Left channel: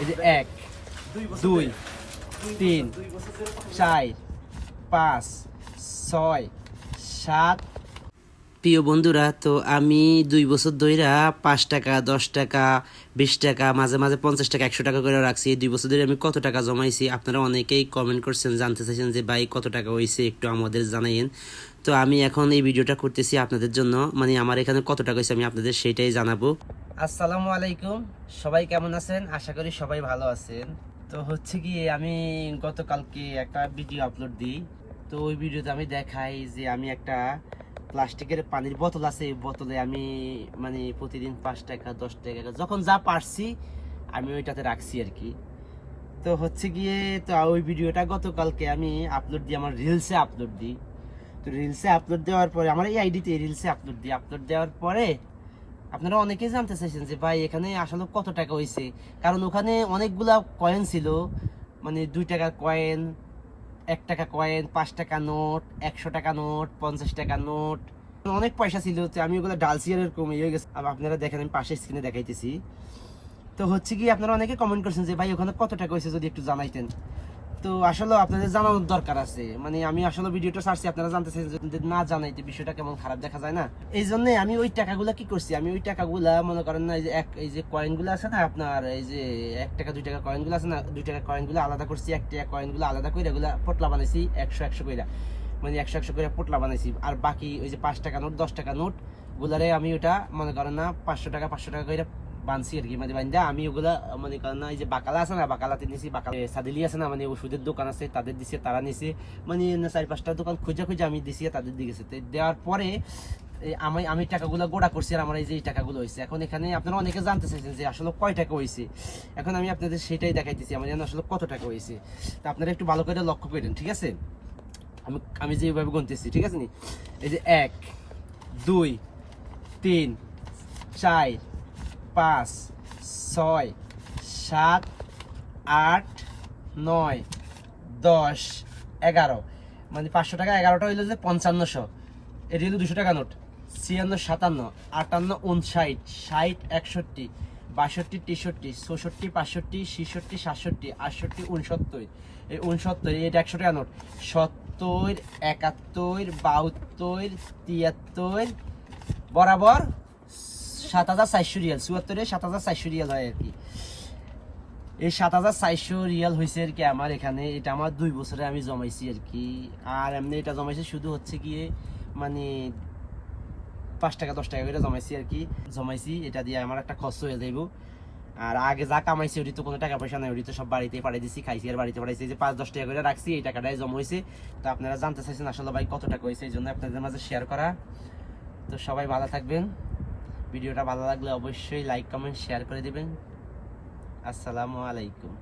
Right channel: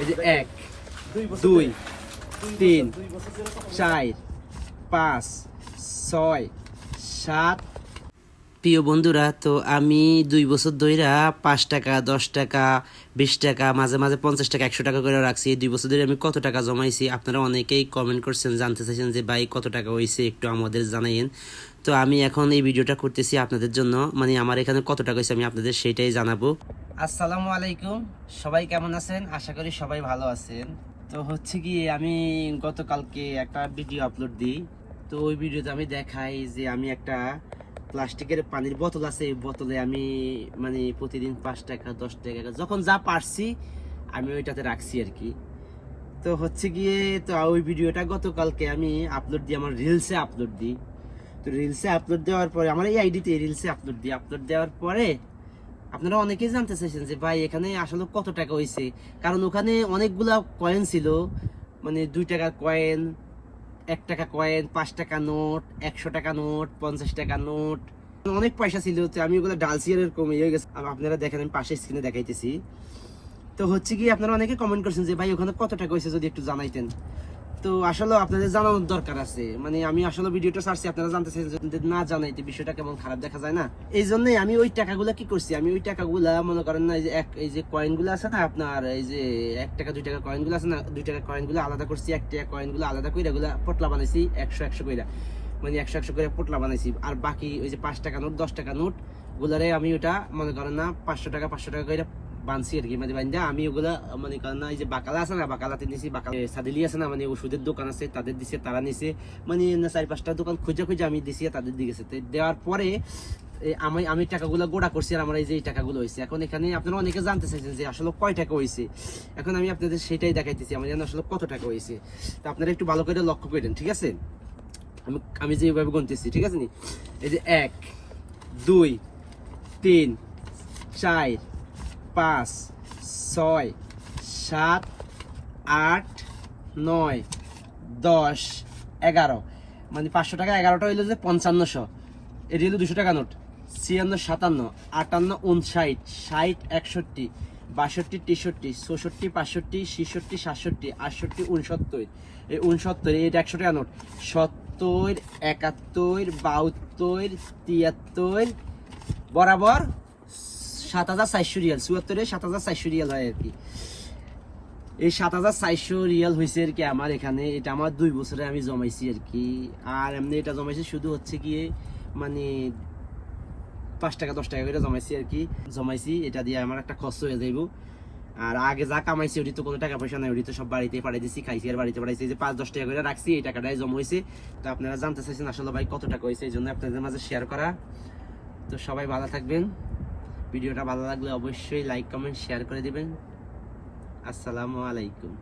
এই যে এক, দুই, তিন, চার, পাঁচ, ছয়, সাত। প্রিয় বন্ধুরা, তো আমি দুই বছর ধইরা পাঁচ টাকা, দশ টাকা, বিশ টাকা, মাঝে মাঝে পঞ্চাশ টাকা, একশো টাকা করে রাখছি। এই দুই বছর ধরে আমি কত টাকা জমাইছি আপনারা অনেকেই কমেন্ট করছেন, জানতে চাইছেন যে ভাই কত টাকা হয়েছে একটু আমাদের জানাইন তো আমি এখন এই ভিডিওটা করতেছি আপনাদের জন্য। মানে আমার এখানে কত টাকা হয়েছে আমি আপনাদের সেটাই জানাব। আসসালামু আলাইকুম। সবাই কেমন আছেন? আশা করি সবাই ভালো আছেন। তো হচ্ছে কি, আমি গতকালকে একটা ভিডিও আপলোড দিই। তো ওই ভিডিওতে আমি দেখাই যে আমি একটা প্লাস্টিকের পানির বোতল আছে। এই বোতলে আমি মানে প্রতিদিন পাঁচ টাকা, দশ টাকা যখন যা পারছি, আমি ওইটাতে রাখছি আর কি। তো হচ্ছে গিয়ে, তো ওই ভিডিওটা গতকালকে আমি আপলোড দিই আমার রিলসে আপলোড দিই। তো রিলসে আপলোড দেওয়ার পরে, আমার এই আইডিতে রিলসে আপলোড দিই। আপলোড দেওয়ার পরে আপনারা অনেকেই জানতে চাইছেন যে, ভাই, এখানে আসলে কত টাকা হয়েছে কারণ ওখানে অনেকগুলা কয়েন ছিল। মানে দুই টাকা কয়েন এক টাকা কয়েন পাঁচ টাকা নোট একশো টাকা নোট পঞ্চাশ টাকা নোট অনেক পয়সা ছিল, তো আমি ওগুলো ডালসি এরকম হয়ে গেছে। আপনারা দেখেন, আমি পাশে স্ক্রিনে দেখাইতেছি। তো হচ্ছে কি, আপনারা অনেকে কমেন্ট করছেন যে, ভাই, ওখানে কত টাকা হয়েছে যদি একটু জানাইতেন। তো আসলে আপনাদের জানানোর দরকার আছে। মানে আমি আসলে ভিডিওটা ছাড়ছি, আপনারা জানতে যদি না জানাইতে বিষয়টা কেমন খারাপ দেখা যায় না। এই জন্য আমি ওই টাকাগুলা কি করছি? আমি ওই টাকাগুলা মনে করেন না, এই যে এক এই যে কয়েনগুলো আছে না আপনার, এই যে এক টাকা, দুই টাকা কয়েনগুলো আছে না, দুই টাকা কয়েনগুলো আলাদা করছি, এক টাকা কয়েনগুলো আলাদা করে এগুলা পটলা বানাইছি, একশো একশো কইরা। মানে একশো একশো করে পোটলা বানাইছি। আর বাকি ওই যে পাঁচ টাকা নোট, দশ টাকা নোট, ওগুলারে আমি ওটা মনে করেন না, পাঁচশো টাকা পাঁচশো টাকা করে বানছি আর কি। মানে বান্ধা আমি ওগুলা, মনে করেন না এই যে বাকালা আছে না, বাকালাতে নিছি, বাকালা সাদিলি আছে না মানে ওষুধের দোকান আছে, তাদের দিছে, তারা নিছে। মানে চারি পাঁচটা দোকান খুঁজে খুঁজে আমি দিছি, তাদের দিকে দেওয়ার পরে আমি আমি টাকাগুলো গোড়া করছি আর আমার এই যে এই টাকাগুলো হয়েছে এখন এখানে আপনারা অনেকে জানতে চাইছেন যে আসলে কয় টাকা হয়েছে এখন আমি আপনাদের সেটাই দেখাইতেছি, আমার জানো আসলে কত টাকা হয়েছে তা আপনারা একটু ভালো করে লক্ষ্য করেন, ঠিক আছে? আমি আমি যেভাবে গুনতেছি, ঠিক আছে নি? এই যে এক, দুই, তিন, চার পাঁচ, ছয়, সাত, আট, নয়, দশ, এগারো। মানে পাঁচশো টাকা এগারোটা হইল যে পঞ্চান্নশো। এটি হলো দুশো টাকা নোট। ছিয়ান্ন, সাতান্ন, আটান্ন উনষাট ষাট, একষট্টি, বাষট্টি, তেষট্টি, চৌষট্টি, পাঁচষট্টি, ছেষট্টি, সাতষট্টি, আটষট্টি উনসত্তর এই উনসত্তর এটা একশো টাকা নোট। সত্তর, একাত্তর, বাহাত্তর, তিয়াত্তর, বরাবর সাত হাজার চারশো রিয়াল চুয়াত্তরে সাত হাজার চারশো রিয়াল হয় আর কি। এই সাত হাজার চারশো রিয়াল হয়েছে আর কি আমার এখানে। এটা আমার দুই বছরে আমি জমাইছি আর কি। আর এমনি এটা জমাইছি শুধু হচ্ছে কি মানে পাঁচ টাকা, দশ টাকা করে জমাইছি আর কি। জমাইছি, এটা দিয়ে আমার একটা খরচ হয়ে যাইব। আর আগে যা কামাইছি ওটি তো কোনো টাকা পয়সা নাই ওটি তো সব বাড়িতে পাঠিয়ে দিছি, খাইছি আর বাড়িতে পাঠাইছি। যে পাঁচ, দশ টাকা করে রাখছি, এই টাকাটাই জমা হয়েছে তো আপনারা জানতে চাইছেন আসলে ভাই কত টাকা হয়েছে এই জন্য আপনাদের মাঝে শেয়ার করা। তো সবাই ভালো থাকবেন। ভিডিওটা ভালো লাগলে অবশ্যই লাইক কমেন্ট শেয়ার করে দেবেন। আসসালামু আলাইকুম।